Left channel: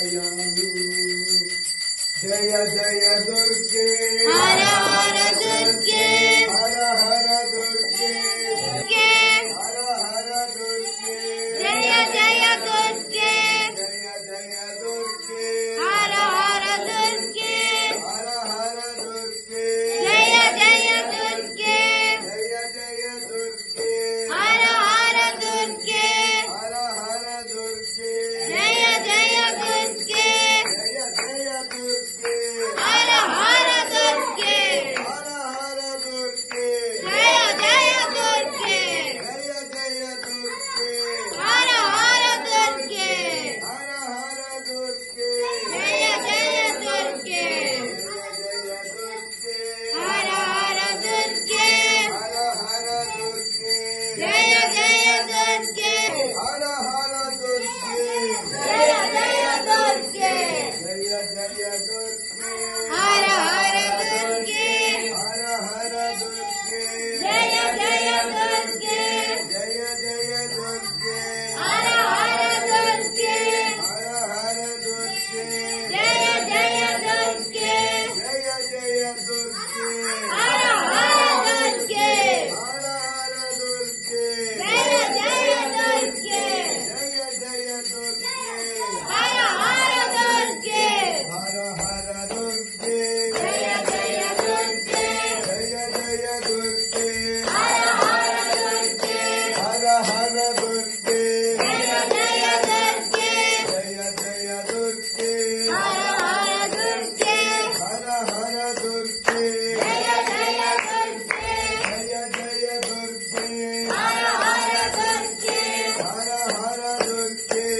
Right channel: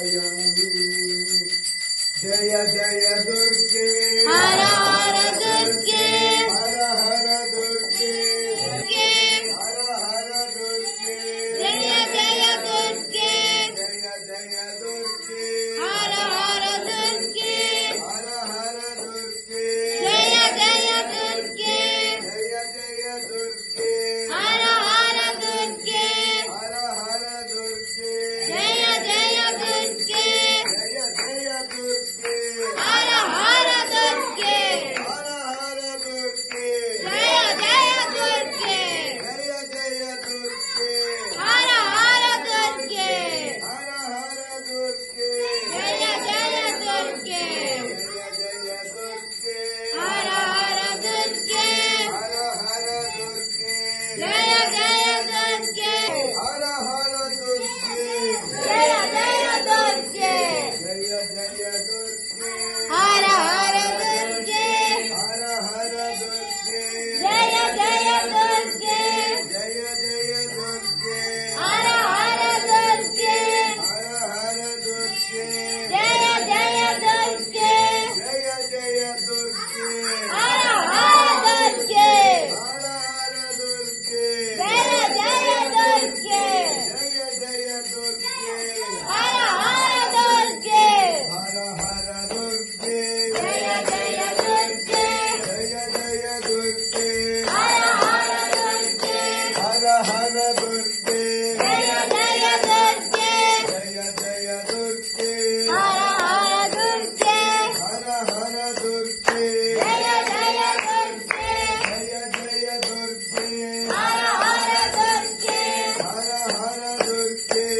जय जय दुर्गे हर हर दुर्गे हर हर दुर्गे हर हर दुर्गे जय जय दुर्गे जय जय दुर्गे हर हर दुर्गे हर हर दुर्गे जय जय दुर्गे जय जय दुर्गे हर हर दुर्गे हर हर दुर्गे जय जय दुर्गे जय जय दुर्गे हर हर दुर्गे हर हर दुर्गे जय जय दुर्गे जय जय दुर्गे हर हर दुर्गे हर हर दुर्गे जय जय दुर्गे जय जय दुर्गे हर हर दुर्गे हर हर दुर्गे जय जय दुर्गे हर हर दुर्गे जय जय दुर्गे जय जय दुर्गे हर हर दुर्गे हर हर दुर्गे जय जय दुर्गे जय जय दुर्गे हर हर दुर्गे हर हर दुर्गे जय जय दुर्गे जय जय दुर्गे हर हर दुर्गे हर हर दुर्गे जय जय दुर्गे जय जय दुर्गे हर हर दुर्गे हर हर दुर्गे जय जय दुर्गे जय जय दुर्गे हर हर दुर्गे हर हर दुर्गे जय जय दुर्गे जय जय दुर्गे हर हर दुर्गे हर हर दुर्गे जय जय दुर्गे जय जय दुर्गे हर हर दुर्गे हर हर दुर्गे